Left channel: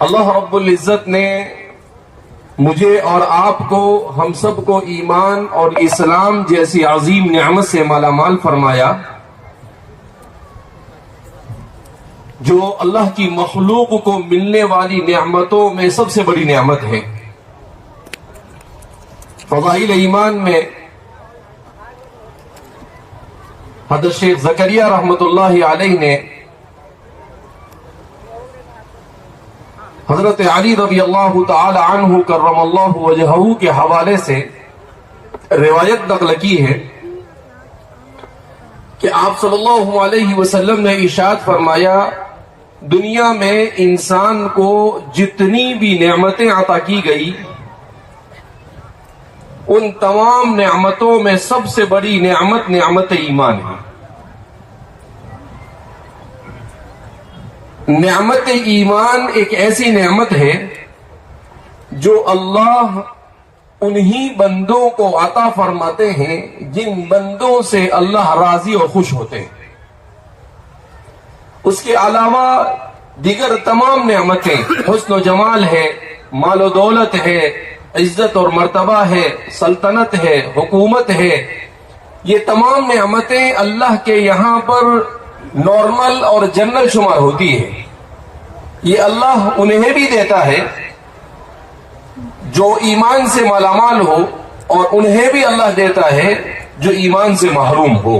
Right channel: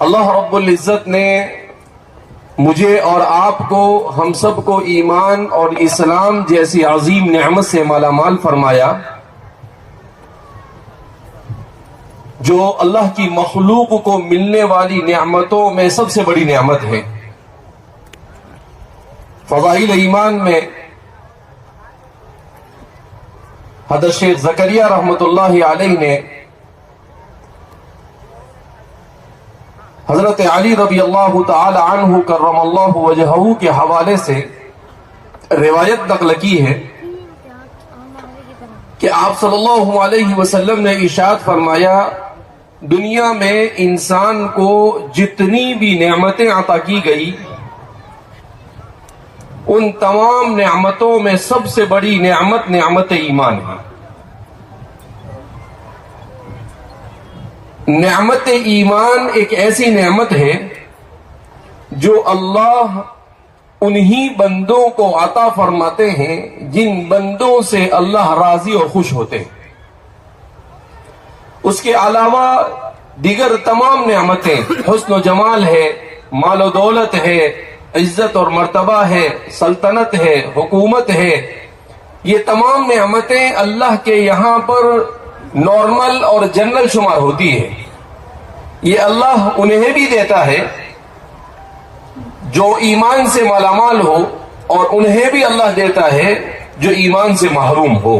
اللہ رب العزت نے مجھے اور آپ کو، ہم سب کو ایمان اور اسلام جیسی عظیم نعمت سے مالا مال فرمایا، جو اللہ کی مخلوق کو ملنے والی نعمتوں میں سب سے بڑی نعمت ہے۔ فضائل ایمان میں حضرت شیخ زکریا رحمت اللہ علیہ نے حضرت علی رضی اللہ تعالی عنہ کرم اللہ وجہہ کے حوالے سے روایت نقل کی ہے کہ آپ صلی اللہ علیہ وسلم نے ارشاد فرمایا، دنیا میں انسان کو جتنی بھی نعمتیں عطا کی گئی، ان تمام نعمتوں میں سب سے بڑی نعمت ایمان ہے۔ نعمت ایمان ایک ایسی نعمت ہے جو اللہ انہی بندوں کو عطا فرماتے ہیں جن بندوں سے اللہ راضی اور خوش ہوتے ہیں۔ اس کے علاوہ دیگر تمام نعمتیں، حسن و جمال ہے، مال و دولت ہے، عزت اور مرتبہ ہے، سلطنت ہے، حکومت ہے، یہ تمام نعمتیں اللہ کے یہاں پر نارمل اور جنرل شمار ہوتی ہے۔ یہ اللہ انہیں بھی دیتا ہے جو ایمان سے مالا مال ہو، اور انہیں بھی اللہ دیتا ہے جو ایمان سے محروم ہو۔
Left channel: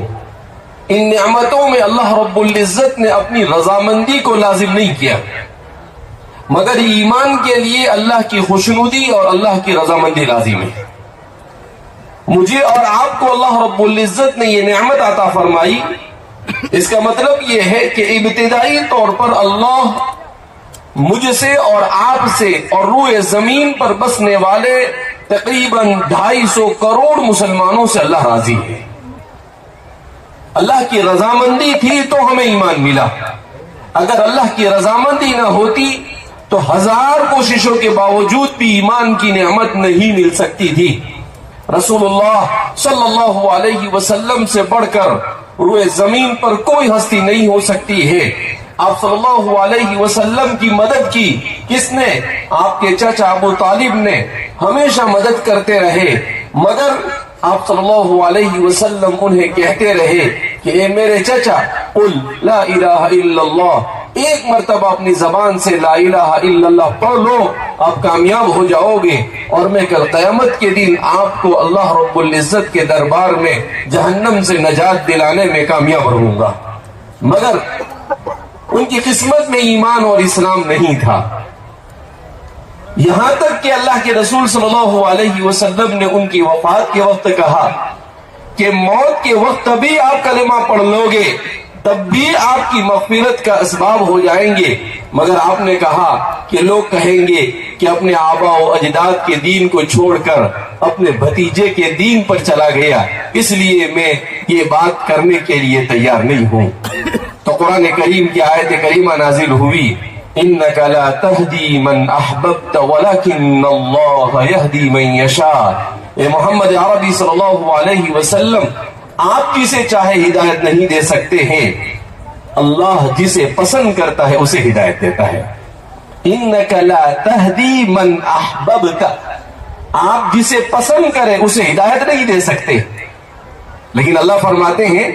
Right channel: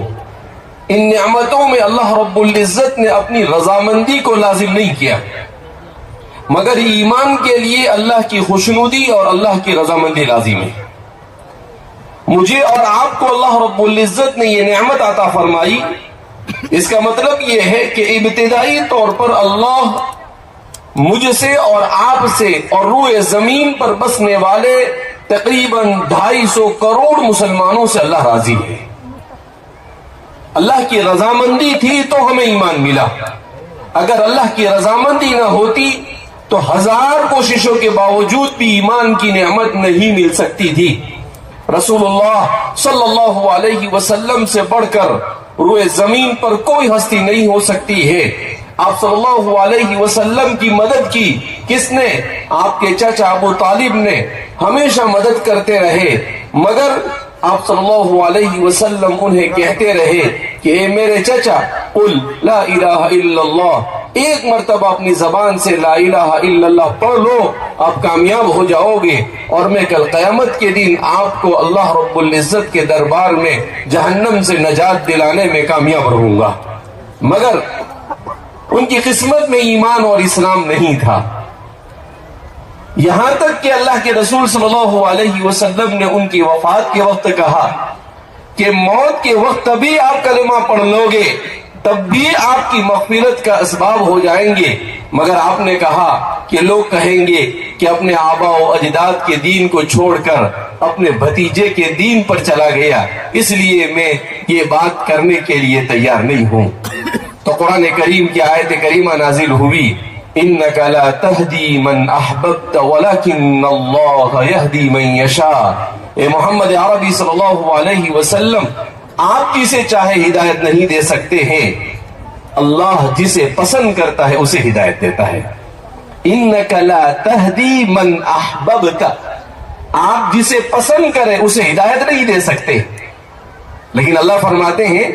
ان نعمتوں میں اللہ رب العزت نے اپنی رضامندی کو لازم نہیں کیا، مگر ایمان کے لیے اللہ کی خوشنودی اور اللہ کی رضامندی لازم ہے۔ مجھے اور آپ کو اللہ رب العزت نے یہ نعمت عطا فرمائی، اس کا مطلب یہ ہے کہ ابتدائی طور پر اللہ مجھ سے اور آپ سے اور روئے زمین پر بسنے والے تقریباً 250 کروڑ مسلمانوں سے اللہ راضی ہے۔ اللہ کی رضامندی تھی تو ہمیں ایمان ملا، اگر اللہ کی رضامندی نہ ہوتی تو 1000 کوششوں کے باوجود بھی ایمان کی نعمت نہیں مل سکتی تھی۔ رسول اللہ صلی اللہ علیہ وسلم سے بڑھ کر روئے زمین پر کوئی ہستی نہیں ہو سکتی ہے۔ آپ صلی اللہ علیہ وسلم کی مدد کی کس نے؟ آپ کے چچا ابو طالب نے ہمیشہ مدد کرتے رہے، مگر آپ صلی اللہ علیہ وسلم انہیں کہتے رہے کہ اے میرے چچا، قل لا الہ الا اللہ، ایک مرتبہ اپنی زبان سے لا الہ الا اللہ پڑھ لو، آپ کامیاب ہو جاؤ گے، اور میں کل قیامت کے دن آپ کو اللہ رب العزت کے دربار میں جہنم سے نجات دلانے میں کامیاب رہوں گا۔ مگر ان کی قسمت میں ایمان اور اسلام نہیں تھا، یہاں تک کہ اللہ کے رسول صلی اللہ علیہ وسلم نے ان کی وفات کے وقت کہا کہ موت کے وقت تبھی آپ کلمہ پڑھ لو گے، تب بھی آپ کی مغفرت کا اسباب ہو جائیں گے، مگر آپ نے کہا کہ لوگ کہیں گے کہ اپنے آبا و اجداد کے دین کو چھوڑ کر اپنے بھتیجے کے دین پر چلا گیا، اس لیے میں یہ بات کرنے کے لیے تیار نہیں ہوں۔ تو قرآن کریم کی آیت کریمہ نازل ہوئی، انک لا تہدی من احببت ولکن اللہ یہدی من یشاء۔ اے محمد عربی صلی اللہ علیہ وسلم، آپ جسے چاہے ہدایت نہیں دے سکتے ہیں، اللہ جسے پسند کرتا ہے اسے ہدایت دیتا ہے۔ انک لا تہدی من احببت، آپ جسے پسند کریں اسے ہدایت نہیں دے سکتے، لیکن اللہ فرماتے ہیں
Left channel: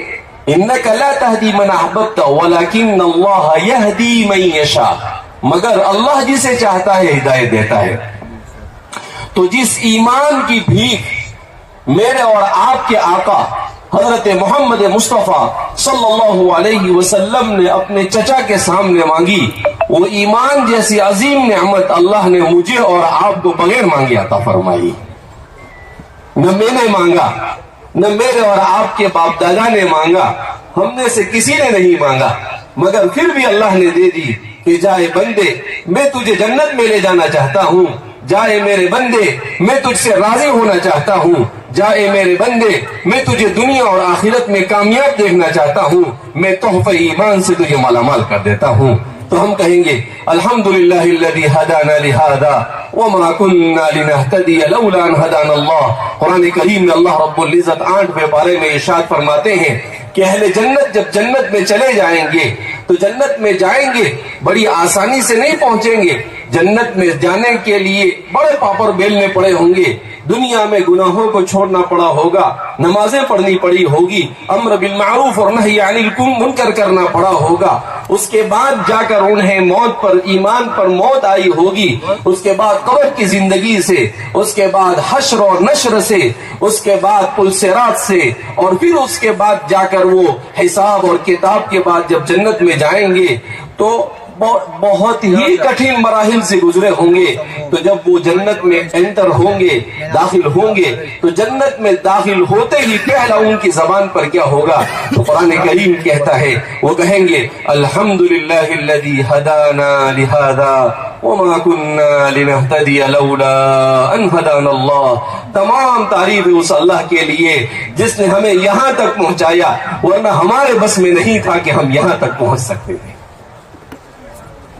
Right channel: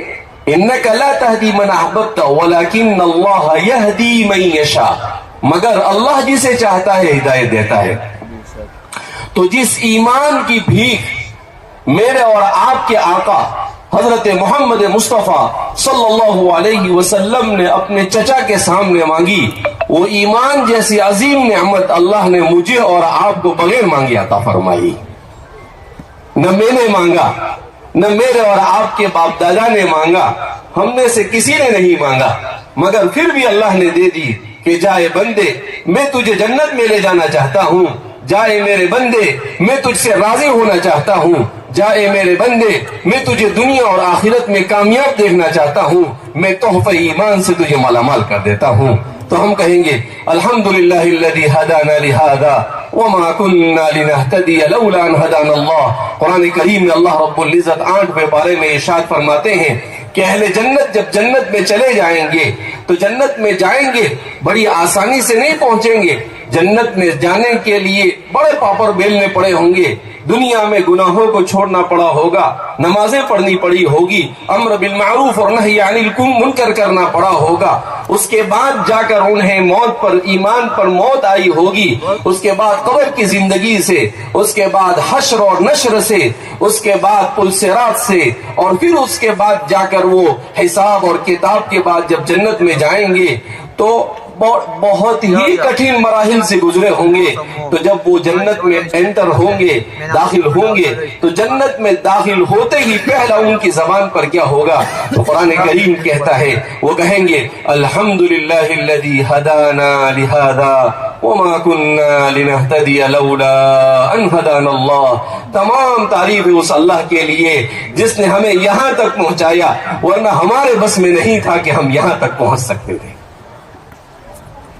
انک لا تہدی من احببت ولکن اللہ یہدی من یشاء، مگر اللہ جسے چاہتا ہے ہدایت دیتا ہے۔ تو جس ایمان کی بھیک میرے اور آپ کے آقا حضرت محمد مصطفیٰ صلی اللہ علیہ وسلم نے اپنے چچا کے سامنے مانگی، وہ ایمان جیسی عظیم نعمت اللہ نے مجھے اور آپ کو بغیر مانگے عطا فرمائی۔ نہ میں نے مانگا، نہ میرے اور آپ کے باپ دادا نے مانگا، ہم نے سے کسی نے نہیں مانگا، مگر پھر بھی اللہ نے دے دی کہ جائے بندے میں تجھے جنت میں لے جانا چاہتا ہوں، جائے میرے بندے میں تجھ سے راضی ہونا چاہتا ہوں، جائے میرے بندے میں تجھے دنیا اور آخرت میں کامیاب دیکھنا چاہتا ہوں، میں تحفہ ایمان سے تجھے مالا مال کر دیتا ہوں۔ تو ہم کہیں گے الحمدللہ الذی ہدانا لہذا وما كنا لنهتدی لولا ان ہدانا اللہ۔ قرآن کریم میں اللہ رب العزت 8ویں پارے میں ارشاد فرماتے ہیں کہ اہل جنت جب جنت میں چلے جائیں گے تو جنت میں جائیں گے بڑی آسانی سے نہیں پہنچیں گے. جنت میں جانے کے لیے بڑے پاپڑ بیلنے پڑے ہوں گے. دنیا میں گناہوں کو چھوڑنا پڑا ہوگا, نمازیں پڑھنی پڑی ہوگی, امر بالمعروف اور نہی عن المنکر کرنا پڑا ہوگا. اس کے بعد جا کر انہیں موت پر, ایمان پر موت آئی ہوگی. اس کے بعد قبر کی زندگی سے, اس کے بعد حشر اور نشر سے, اس کے بعد پل صراط سے, اور پھر اس کے بعد جا کر وہ حساب اور کتاب کے بعد جب جنت میں جائیں گے تو بہت ہی کٹھن مراحل سے گزرے ہوں گے. تو جب وہ جنت میں انٹر ہوں گے, داخل ہوں گے, تو جنت میں داخل ہوتے ہی پہلا ان کی زبان پر کیا ہوگا؟ قرآن کریم کہتا ہے, وہ کہیں گے الحمدللہ الذی ہدانا لہذا وما کننا لنہتدی لولا ان ہدانا اللہ. تمام تعریف اس اللہ کے لیے جس نے ہمیں یہاں تک پہنچایا, ورنہ ہمارے بس میں نہیں تھا کہ ہم یہاں تک پہنچ سکتے تھے.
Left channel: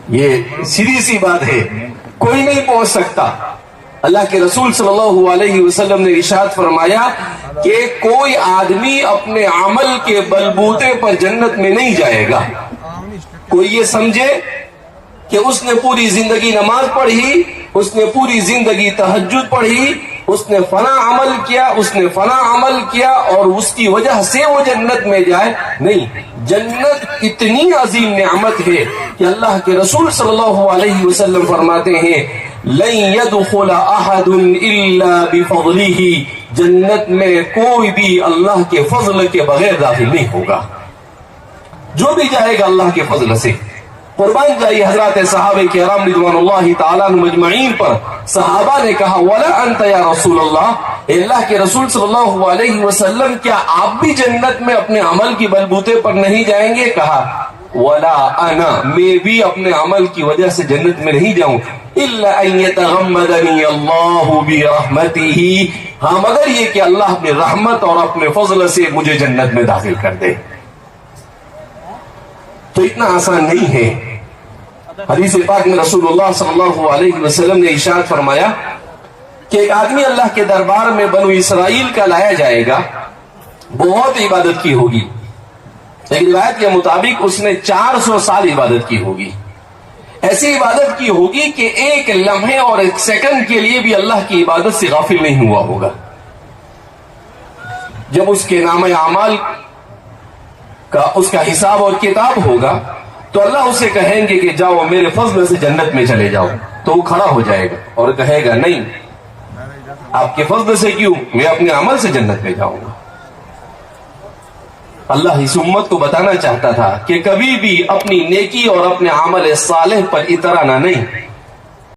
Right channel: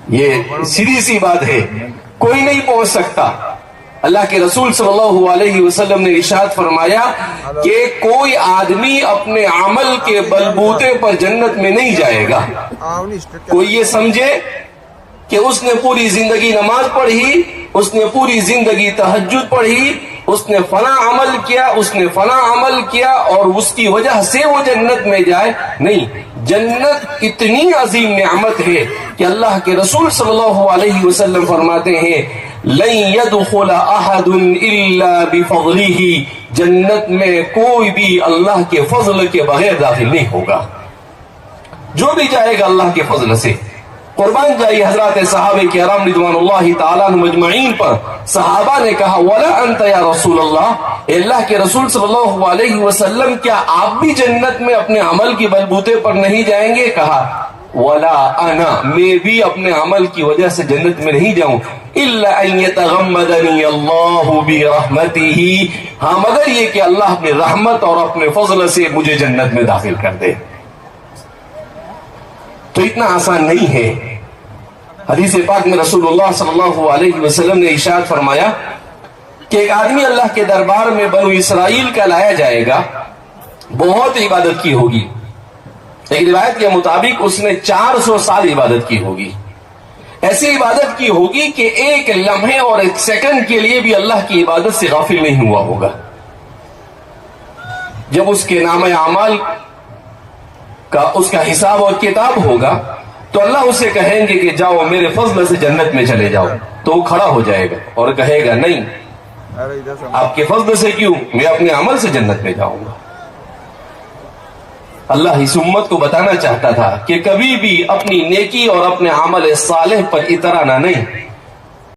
یہ سیدھی سی بات ہے, کوئی نہیں پہنچ سکتا. اللہ کے رسول صلی اللہ علیہ وسلم نے ارشاد فرمایا کہ کوئی آدمی اپنے عمل کے بلبوتے پر جنت میں نہیں جائے گا. کوئی یہ سمجھے کہ اس نے پوری زندگی نماز پڑھی, اس نے پوری زندگی تہجد پڑھی, اس نے فلاں عمل کیا, اس نے فلاں عمل کیا, اور اس کی وجہ سے وہ جنت میں جائے. نہیں, جنت اتنی عظیم نعمت ہے کہ اللہ کے رسول صلی اللہ علیہ وسلم فرماتے ہیں لن يدخل احد الا بفضله. جنت میں کوئی بھی اللہ کے فضل کے بغیر داخل نہیں ہوگا. جو بھی جائے گا اللہ کے فضل سے. قربان جائیے حضرات صحابہ کرام رضوان اللہ تعالیٰ عنہم اجمعین پر. صحابہ نے کہا ولا انت یا رسول اللہ, اے اللہ کے رسول صلی اللہ علیہ وسلم کیا آپ بھی جنت میں اپنے عمل کی بلبوتے پر نہیں جائیں گے؟ کہا ولا انا, میں بھی اپنے عمل کی وجہ سے جنت میں نہیں جاؤں. الا ان يتغمدني الله برحمته, ہاں مگر یہ کہ اللہ اپنی رحمت اور اپنے فضل سے مجھے جنت میں داخل کر دے. تو اتنا آسان نہیں ہے. حدیث پاک میں رسول اللہ صلی اللہ علیہ وسلم نے ارشاد فرمایا کہ ایک آدمی اللہ کے دربار میں بنو اسرائیل کا لایا جائے گا, بہت عبادت کی ہوگی. ایک روایت کے مطابق اس نے 400 سال عبادت کی ہوگی. ایسی عبادت کی ہوگی کہ ایک لمحے اور ایک سیکنڈ کے لیے بھی اللہ کی عبادت سے غافل نہیں ہوا ہوگا. جب اس کے نام اعمال کا اس کا حساب اور کتاب ہوگا تو اللہ اسے کہیں گے کہ جاؤ میرے فضل سے جنت میں چلے جاؤ. تو وہ کھڑا ہو جائے گا اور کہے گا نہیں, آپ کے فضل سے کیوں, میں اپنے عمل سے جنت میں جاؤں گا. اللہ اس امت کو بتانا چاہتا تھا کہ کبھی بھی اپنی نیکی اور اپنے عمل صالح پر اترانا نہیں.